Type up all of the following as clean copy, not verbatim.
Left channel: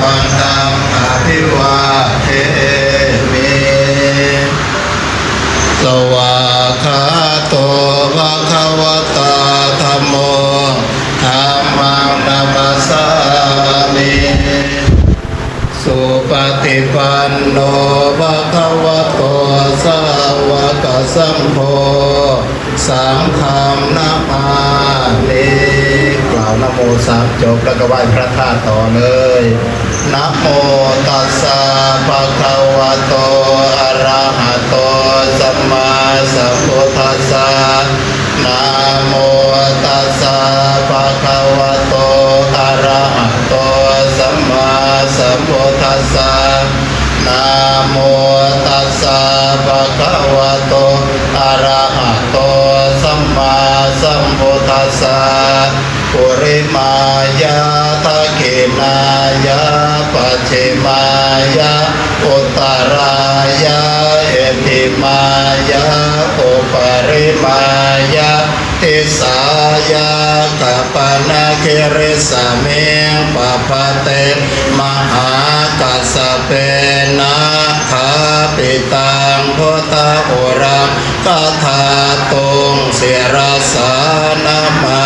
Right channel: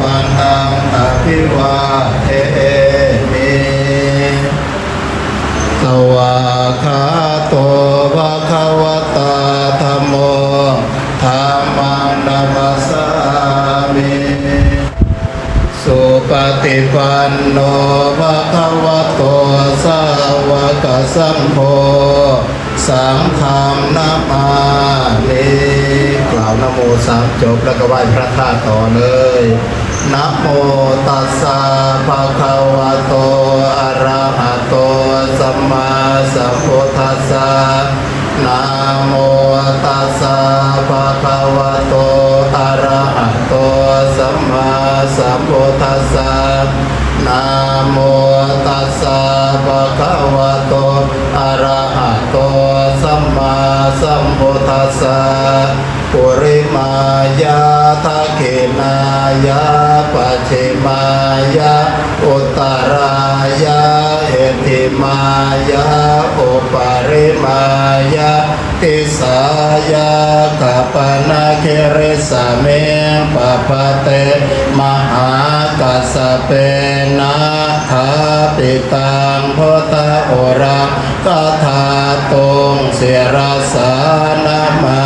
วันตังอภิวาเทมิสวากขาโตภะคะวะตาธัมโมธัมมังนัมสสามิสุปฏิปันโนภะคะวะโตสาวกสังโฆสังฆังนะมามิกล่าวนะโมสามจบแล้วก็ไหว้พระธาตุต่อเลยนะโมตัสสะภะคะวะโตอะระหะโตสัมมาสัมพุทธัสสะนะโมตัสสะภะคะวะโตอะระหะโตสัมมาสัมพุทธัสสะนะโมตัสสะภะคะวะโตอะระหะโตสัมมาสัมพุทธัสสะปุริมายาทะเขนายาปัจฉิมายาอุตตรายาเอติมายาอุปริมายาติสายากัปปนาเคเรสเมงปะปะเตมหากัสสเปนะคาปิตังโพธาโอรังกถาตุงเสรสานามา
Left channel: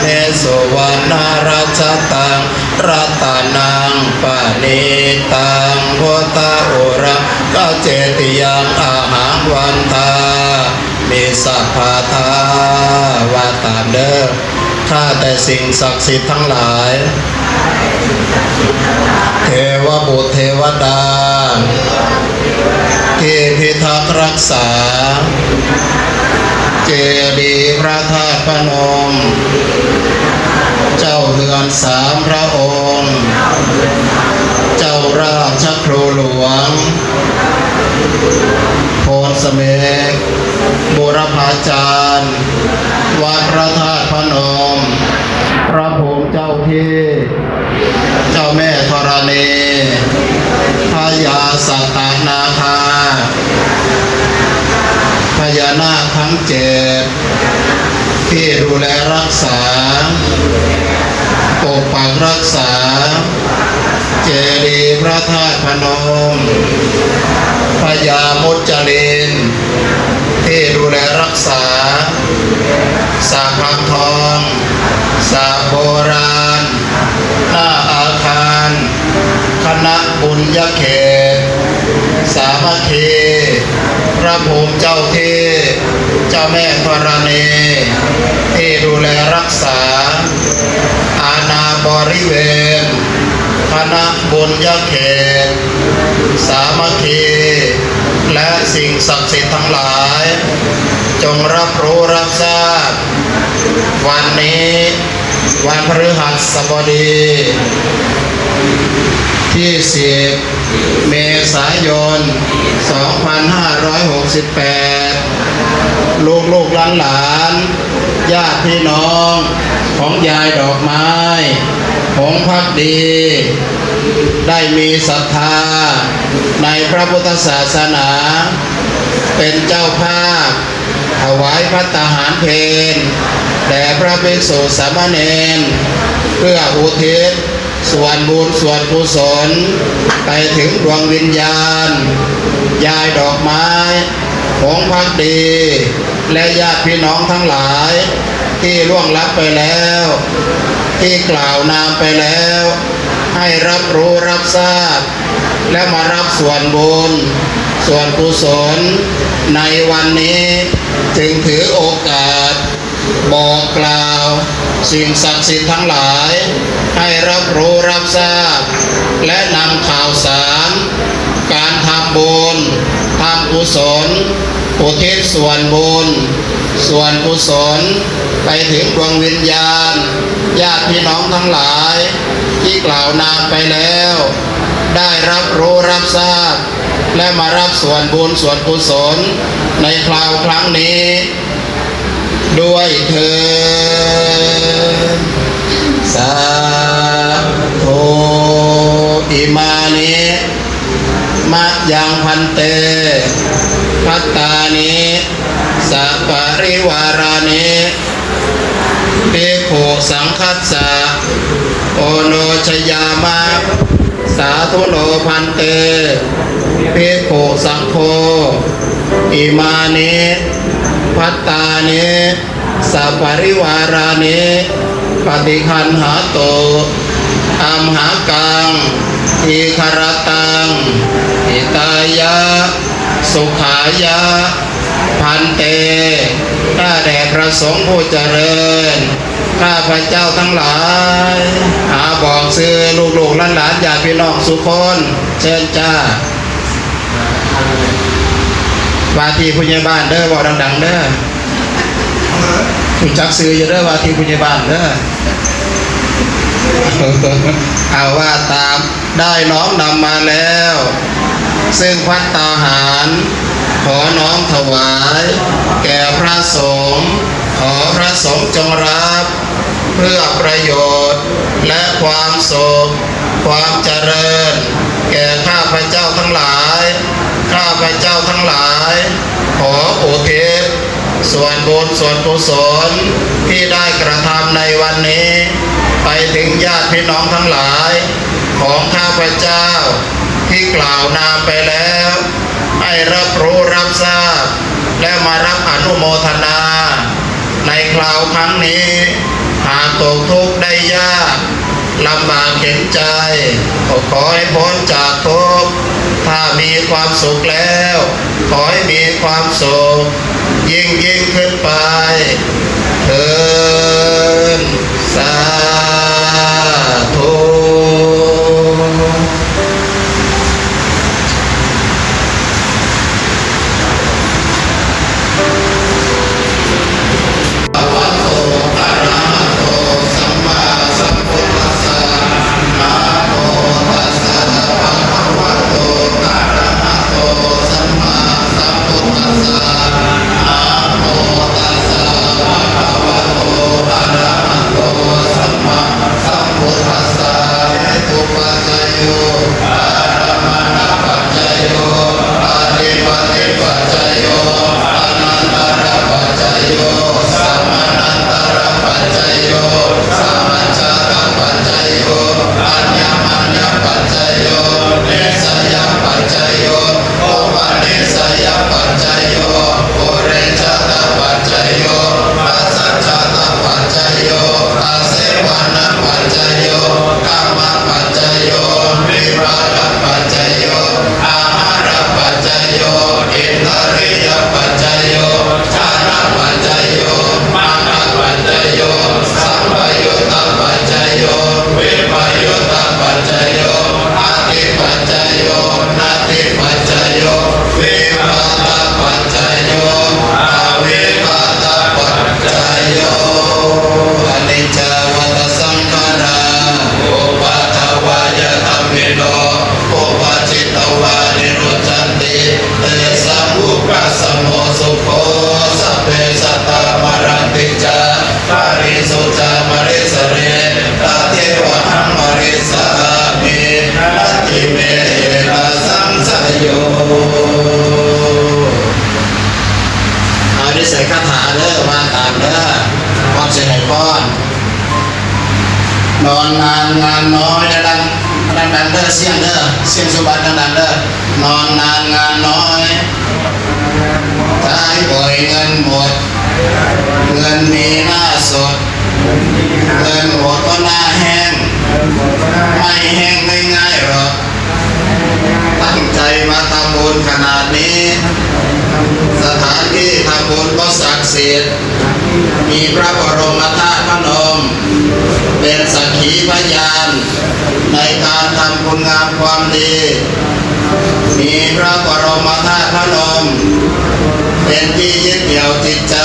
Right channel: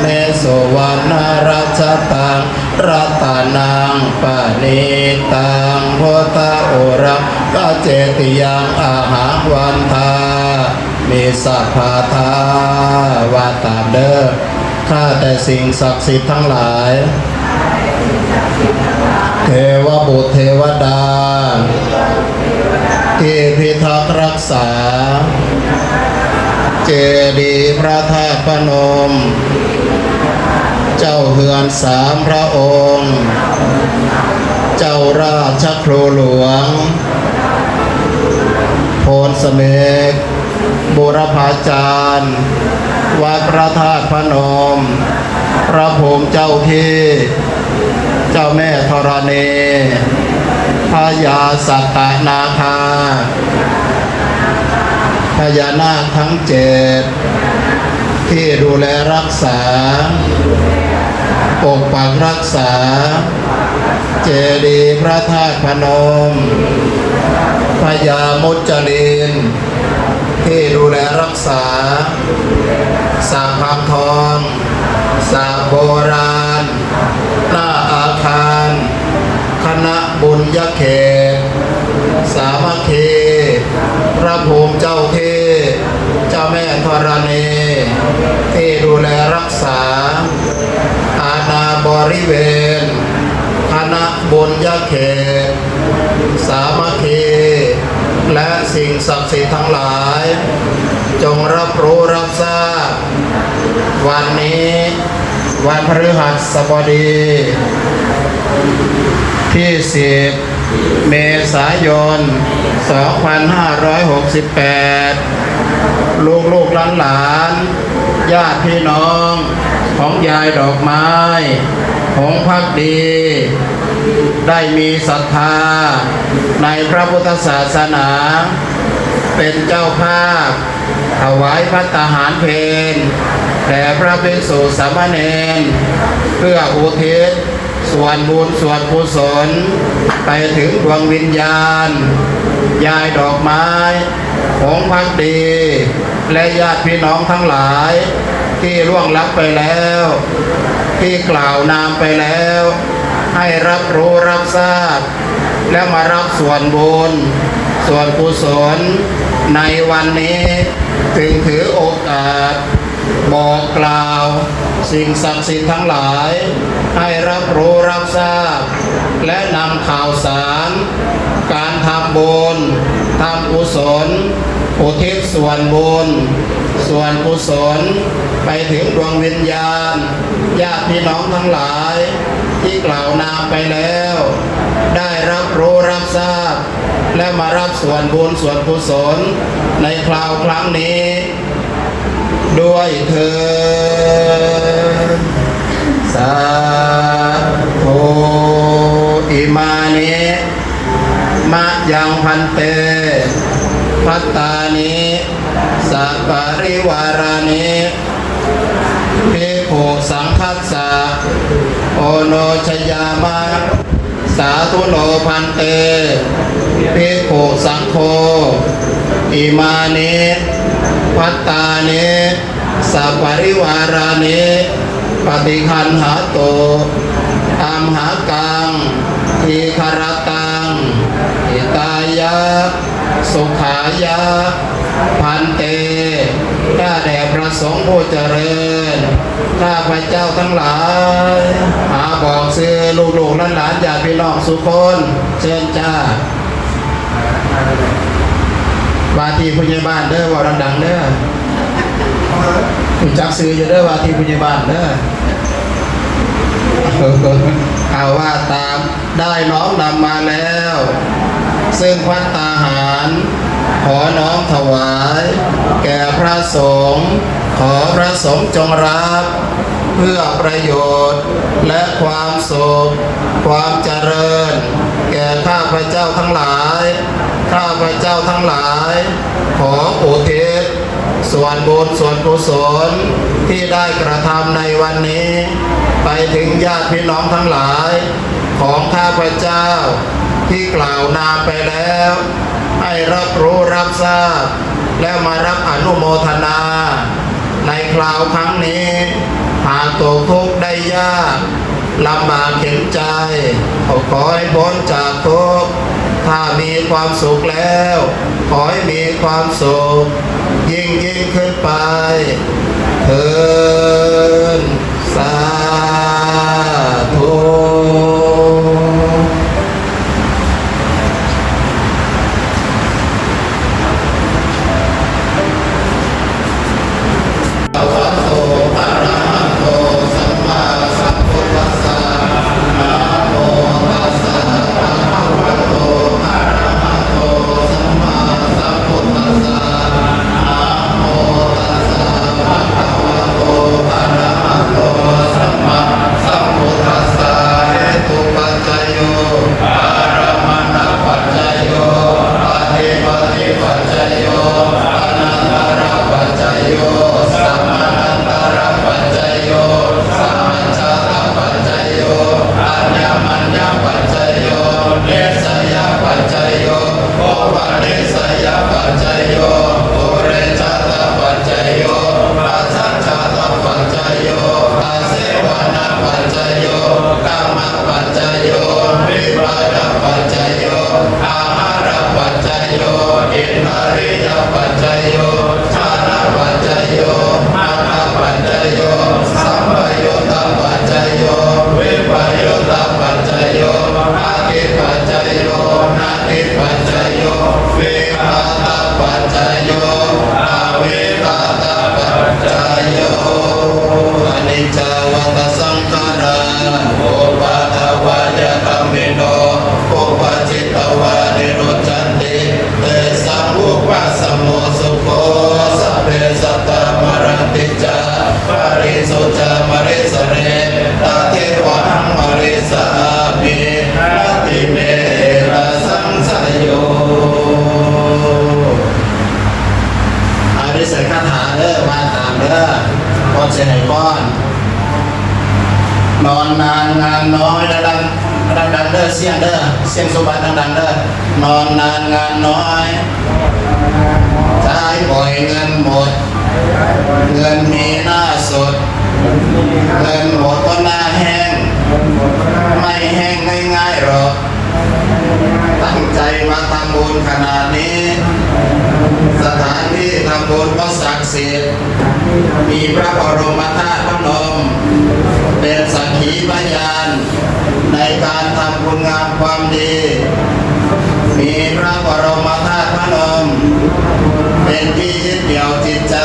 เมสุวรรณรัชตังรัตนังปณิตังโพธาโอรังกเจติยังอาหังวันทามีสัพพะทาวาตามเด้อข้าแต่สิ่งศักดิ์สิทธิ์ทั้งหลายเทวบุตรเทวดาที่พิทักษ์รักษาเจดีย์พระธาตุพนมเจ้าเฮือนสามพระองค์เจ้าราชครูหลวงโพนเสมกบุรพาจารย์วัดพระธาตุพนมพระภูมิเจ้าที่เจ้าแม่ธรณีพญาสัตตนาคาพญานาคทั้งเจ็ดที่ดูแลรักษาปกปักรักษาเจดีย์พระธาตุพนมพญามุจลินที่ดูแลรักษาสระพานทองสระโบราณหน้าอาคารคณะบุญญเขตสามัคคีพระภูมิเจ้าที่เจ้าแม่ธรณีที่ดูแลรักษาอาณาบริเวณคณะบุญญเขตสามัคคีและสิ่งศักดิ์สิทธิ์ทั้งหลายจงรับรู้รับทราบวันนี้วันพฤหัสบดีที่10 เมษายน 2568 ลูกหลานญาติพี่น้องของยายดอกไม้หงส์ภักดีได้มีศรัทธาในพระพุทธศาสนาเป็นเจ้าภาพถวายภัตตาหารเพลแด่พระภิกษุสามเณรเพื่ออุทิศส่วนบุญส่วนกุศลไปถึงดวงวิญญาณยายดอกไม้หงส์ภักดีและญาติพี่น้องทั้งหลายที่ล่วงลับไปแล้วที่กล่าวนามไปแล้วให้รับรู้รับทราบและมารับส่วนบุญส่วนกุศลในวันนี้จึงถือโอกาสบอกกล่าวสิ่งศักดิ์สิทธิ์ทั้งหลายให้รับรู้รับทราบและนำข่าวสารการทำบุญทำกุศลอุทิศส่วนบุญส่วนกุศลไปถึงดวงวิญญาณญาติพี่น้องทั้งหลายที่กล่าวนามไปแล้วได้รับรู้รับทราบและมารับส่วนบุญส่วนกุศลในคราวครั้งนี้ด้วยเถิดสาธุอิมานิมะยังพันเตภัตตานิสัปปริวารานิภิกขุสังคัสสะโอโนชยามะส สาธุโนพันเตภิกขุสังโฆอิมานิพัตตานิสัพปริวารานิปฏิคันหาโตอัมหากังทีคารตังอิตายะสุขายะพันเตข้าแด่พระสงฆ์ผู้เจริญข้าพระเจ้าทั้งหลายบอกซื้อลูกๆหลานๆญาติพี่น้องสุคนเชิญจ้าว่าที่ผู้ใหญ่บ้านเด้อบอกดังๆเด้อถูกจักซื้ออยู่เด้อว่าที่ผู้ใหญ่บ้านเด้อเอาว่าตามได้น้อมนำมาแล้วซึ่งภัตตาหารขอน้อมถวายแก่พระสงฆ์ขอพระสงฆ์จงรับเพื่อประโยชน์และความสุขความเจริญแก่ข้าพเจ้าทั้งหลายข้าพเจ้าทั้งหลายขออุทิศส่วนบุญส่วนกุศลที่ได้กระทำในวันนี้ไปถึงญาติพี่น้องทั้งหลายของข้าพเจ้าที่กล่าวนามไปแล้วให้รับรู้รับทราบและมารับอนุโมทนาในคราวครั้งนี้หากตกทุกข์ได้ยากลำบากเข็นใจขอให้พ้นจากทุกข์ถ้ามีความสุขแล้วขอให้มีความสุขยิ่งขึ้นไปเถิดสาธุ นอนนานงานน้อยดังเด้อเสียงเด้อเสียงสุบัติดังเด้อนอนนานงานน้อยใช้บ่อยเงินหมดเงินมีหน้าสดเงินหมดก็หน้าแห้งไม่แห้งง่ายๆหรอกตั้งใจมาทำบุญขนาดนี้สถานที่ทำบุญก็ศักดิ์สิทธิ์มีพระบรมธาตุพนมเป็นสักขีพยานในการทำคุณงามความดีมีพระบรมธาตุพนมเป็นที่ยึดเหนี่ยวจิตใจ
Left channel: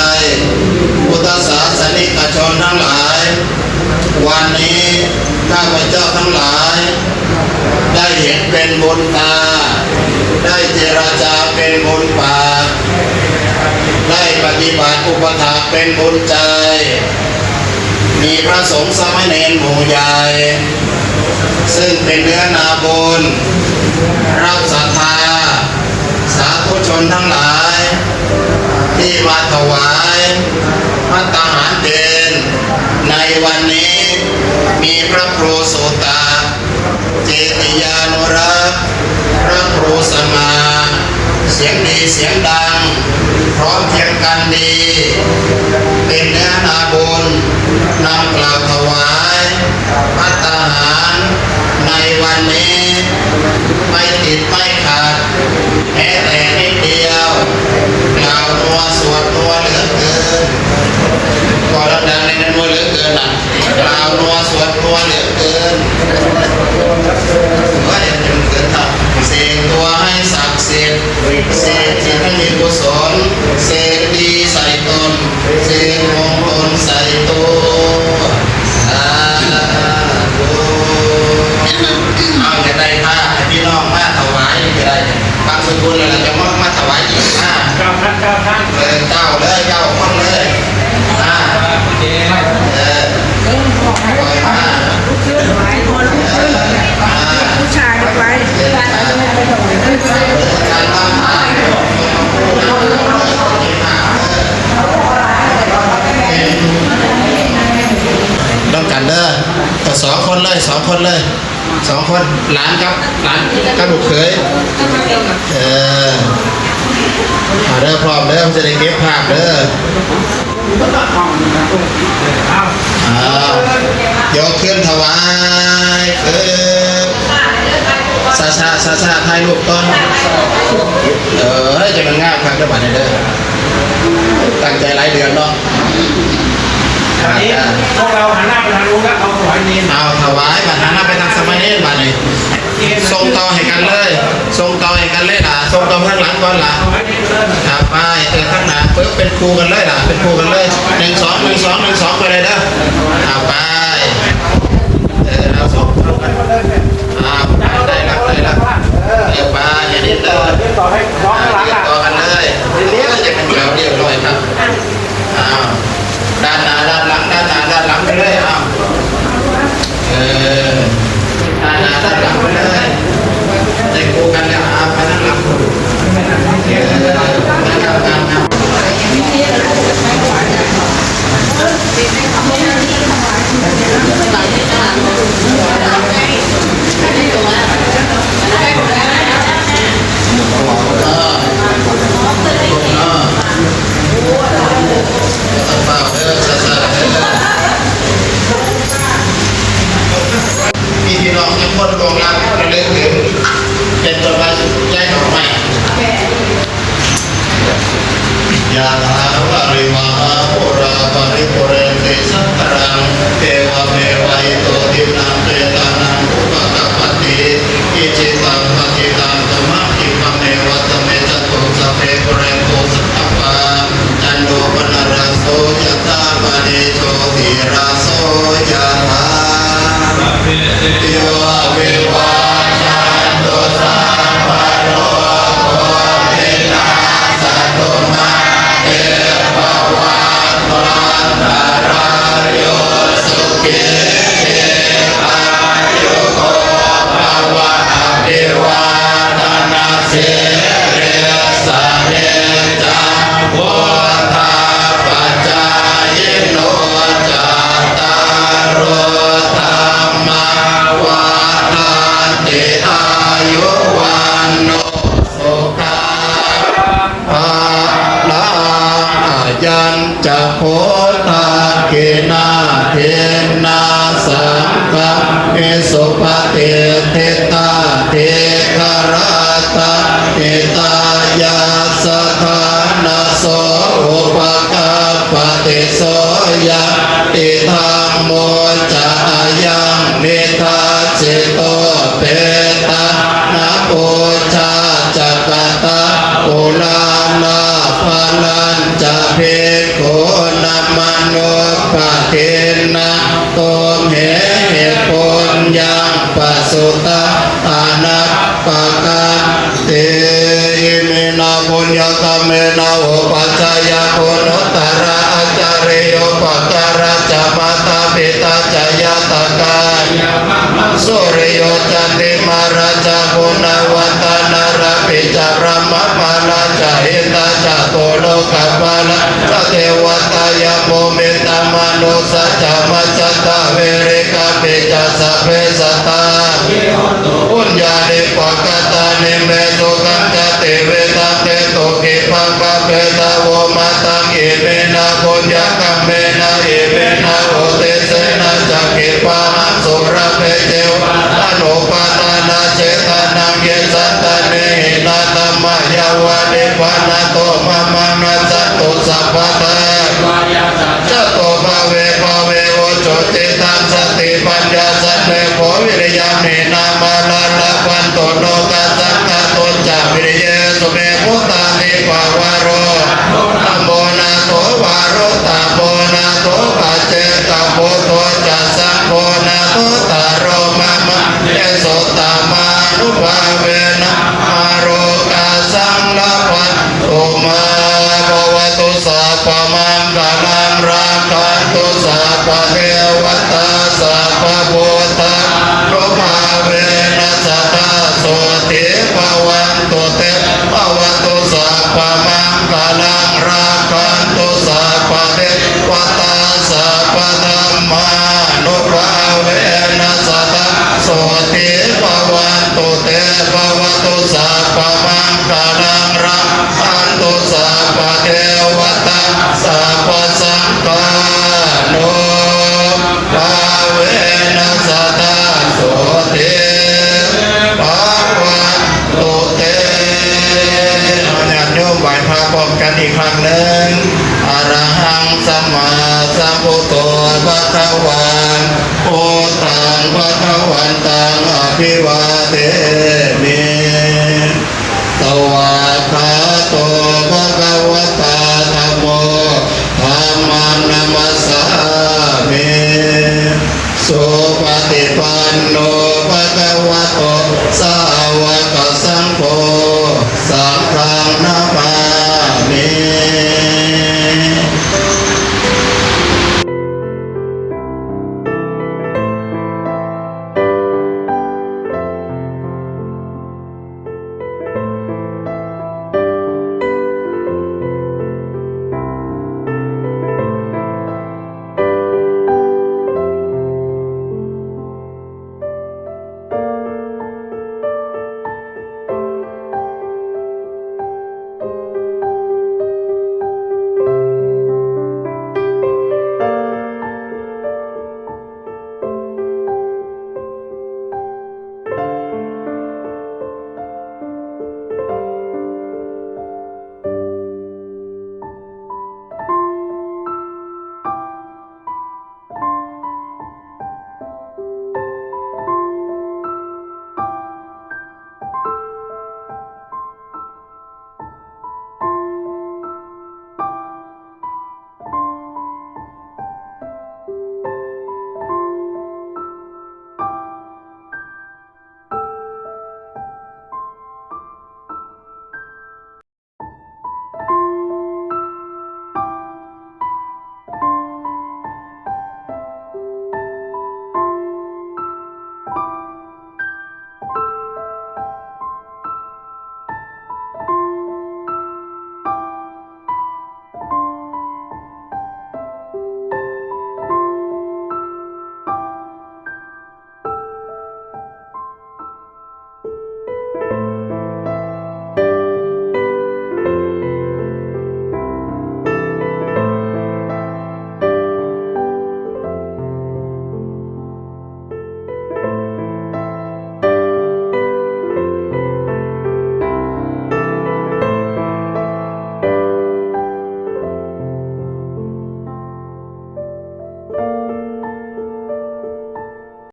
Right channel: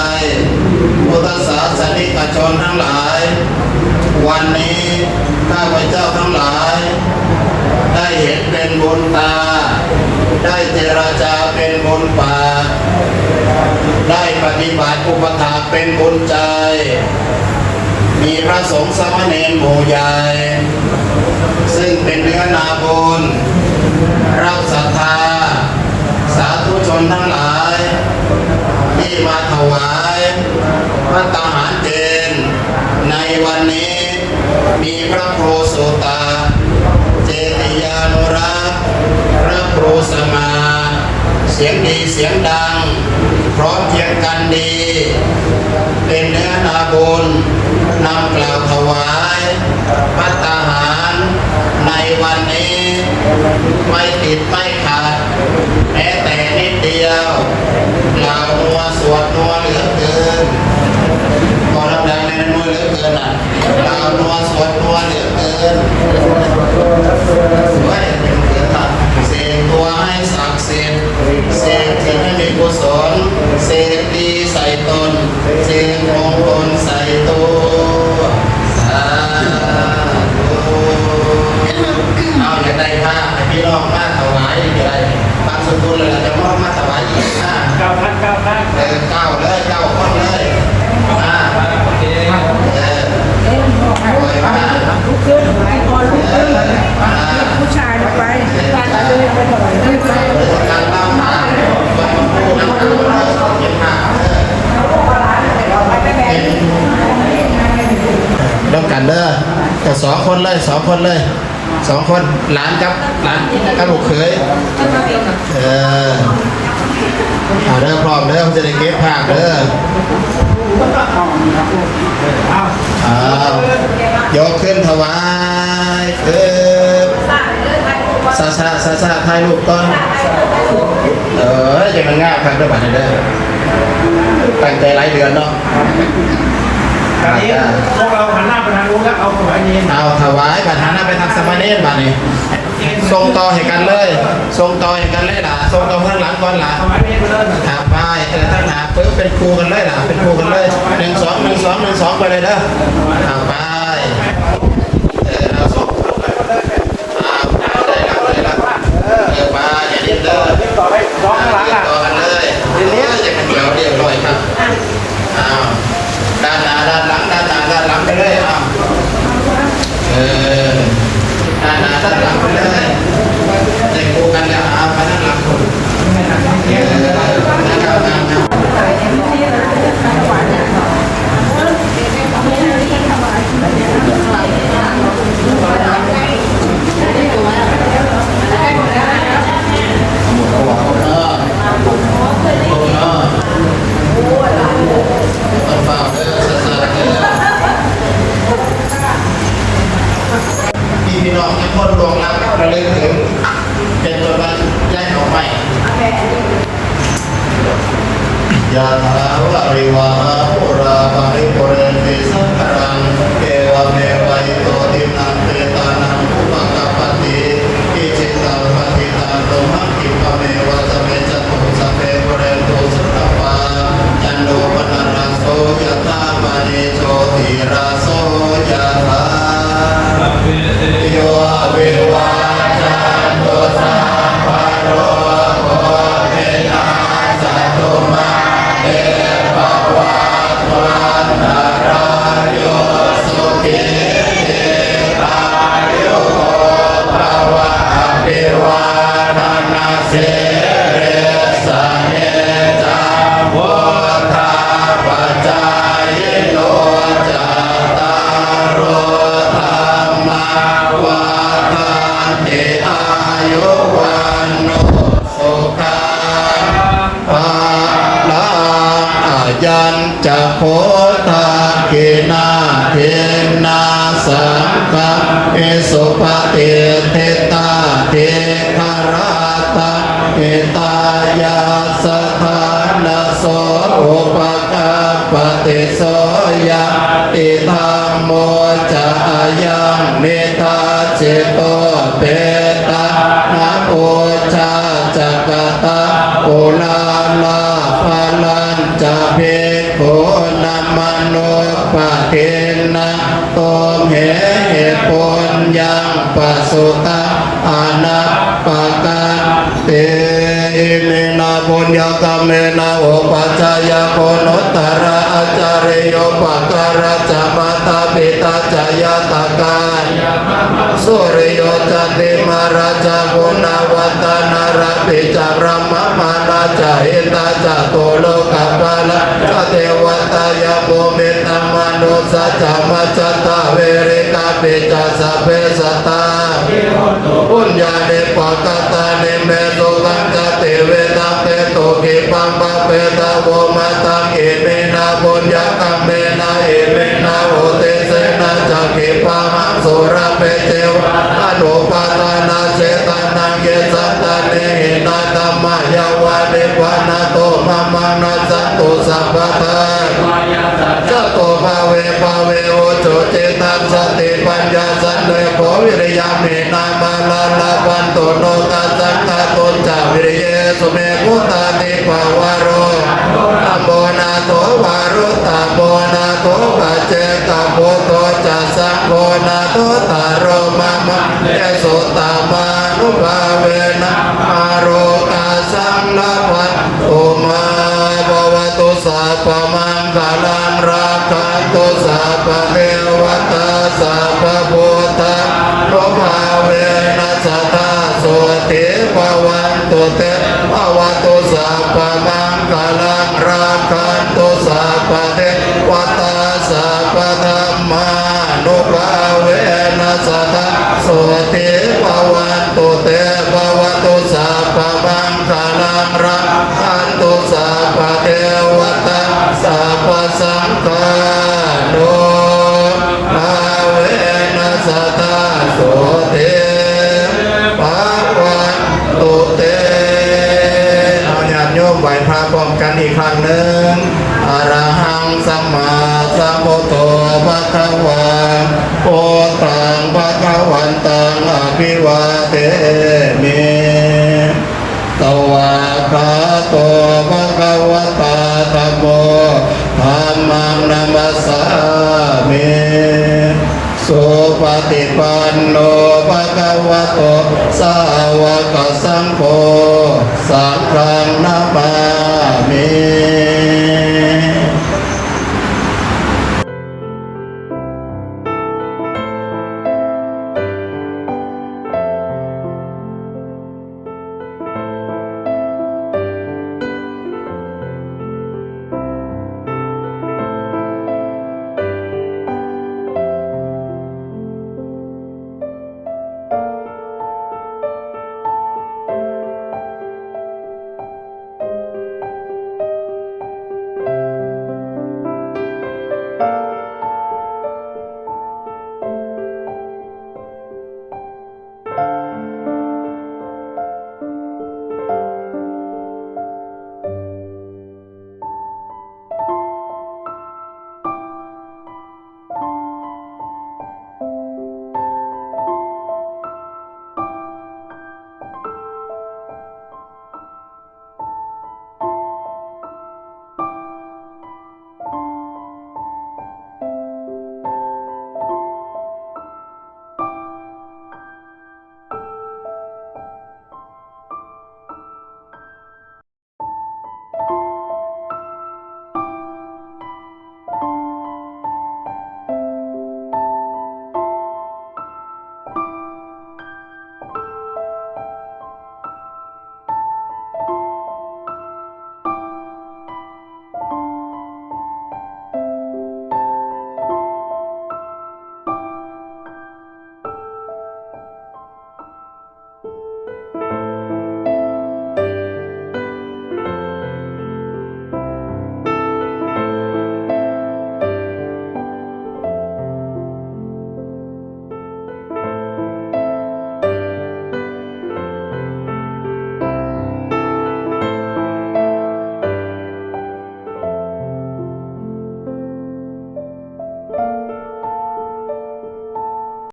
พุทธศาสนิกชนทั้งหลายวันนี้ข้าพเจ้าทั้งหลายได้เห็นเป็นบุญตาได้เจรจาเป็นบุญปากได้ปฏิบัติอุปถากเป็นบุญใจมีพระสงฆ์สามเณรหมู่ใหญ่ซึ่งเป็นเนื้อนาบุญรับศรัทธาสาธุชนทั้งหลายที่มาถวายพระตาหารเพลในวันนี้มีพระครูโสตาเจติยา สง่าเสียงดีเสียงดังพร้อมเพียงกันดีเป็นเนื้อนาบุญนำกล่าวถวายภัตตาหารในวันนี้ไม่ติดไม่ขาดแม้แต่นิดเดียวกล่าวนัวสวดนัวเหลือเกินก็รับดังในนัวเหลือเกินกล่าวนัวสวดนัวเหลือเกินไม่ถึงเกิดทำเสกตัวให้ศักดิ์สิทธิ์เสกจิตให้มีกุศลเสกดีใส่ตนเสกมงคลใส่ตัวสาธุเอาอย่างไรถ้าพี่น้องมาถวายอย่างไรบางสกุลเลยจะมอบมาถวายอีกนะเจ้าเลยเจ้าคนเลยผู้ชายไว้ต้องกันเด้อต่อ2 คนเลย2 คนเลย2 คนหลานกับลูกเขยเอาเด้อพร้อมเด้อมันจะได้เก็บภาพเด้อยกขึ้นถวายซาถ่ายรูปก่อนจะมันง่ายครั้งเดียวกันเด้อตั้งใจหลายเดือนเนาะตอนนี้พวกเราหันหน้าไปทางนู้นก็เอาถวายเนรเอาถวายบัตรหันหน้าไปทางสมาเนรบัตรนี่ส่งต่อให้กันเลยส่งต่อให้กันเลยล่ะส่งต่อข้างหลังก่อนล่ะครับไปข้างหน้าปึ๊บเป็นครูกันเลยล่ะเป็นครูกันเลย1 2 1 2 1 2ไปเลยเด้อเอาไปเราส่งได้แล้วเดี๋ยวไปอย่าดิ้นเลย ต่อให้ร้องข้างหลัง ต่อกันเลยเรียบร้อยครับด้านหน้าด้านหลังด้านหน้าด้านหลังไปเลยด้านหน้าด้านหลังไปเลยจะคู่กันแล้วเอาไปด้านหลังพี่น้องที่พ้นลงแล้วระลึกถึงเป็นจดหมายแจ้งออกใหม่ยะถาวะริวะหาปุราปาริปุเรนติสังขรังเทวะเมวะอิโตทินังเปตานังอุปกัปปติอิจิตังปฏิตังตุมังคิปะเมวะตะเมจตุสัพเพปุเรนตุสัพพะจันโดปนารโสยะถามณีโชติราโสยะถาโยเววาจันโตสัพพะโรโควินาศตุมาเอภวัตวันตรายโยสุขิอายุโกภวะอภิวาทนาสิริสเนจังวุฒาปัจจายโนจัตตารโอธรรมวัฏฏันติอายุวันโนสุขังภาลังอายัญจะโพธาเกนาเทนาสังฆังเมสุปฏิเทตาเทคาราตาเทตายาสถานาโสอุปกัปปติโสยะติธรรมโมจะยังเนตาเจโตเปตานะโอชาจักตาโอลานาภาลันจะเพโคนัมมโนปะเทนะโตมเหตุผลยังปัสสุตาอนัตปะกันเตเมนะปุญญกรรมเมนะโอปัจจายโกนตระอาจาริโยปัจจาระจะมาตาปิตาจายตกาสุริโยจันติมาราชกุณวัฒนาราปิจารมะมาราชหิตาจโตโลกปาลาเทวตายาโภเมตตามา นุสัจจมัจจตาเวริกาปิจัสสะเพสัตตาปุญญาเดปะกตานิเมโตกัมจติเวตังเตโตกิปังปะเปตาโวมาตังอิเมนะปุญญากัมเมนะอิเมนะโอเตเสนะจักกิปังสุรเปเจวะอนุปาทานาเจตานังเยสัตตาเนหินาธัมมายาวะเดวะนาโตมะมังยัสสตุสัพพะทาจโตภเวภเวโอโจติตังสติปัญญาสันเลโภวิริยามินามาลาลาพันโตโลกัสสังฆโตจาวิริเยสุเมพุตานิภาวะโรตัมโมนาโตวารุตาโมนาโตปัจเจกโพโตจัสสังโฆนาโตตารโรมะมะเยโสตามานุภาเวนะมาโรกัสสังลาภัตโตมาภวตุสัพพมังคลังราคันตุสัพพะเทวตาสัพพะพุทธานุภาเวนะสัทธาโสติภวันตุเตภวตุสัพพมังคลังราคันตุสัพพะเทวตาสัพพะธัมมานุภาเวนะสัทธาโสติภวันตุเตภวตุสัพพมังคลังราคันตุสัพพะเทวตาสัพพะสังฆานุภาเวนะสัทธาโสติภวันตุเตญาติโยมไหว้พระพร้อมกันอีกครั้งหนึ่งอะระหังสัมมาสัมพุทโธภะคะวันโอตังภะคะวันตังอภิวาเทมิสวากขาโตภะคะวะตาธัมโมธัมมังนัมสสามิสุปฏิปันโนภะคะวะโตสา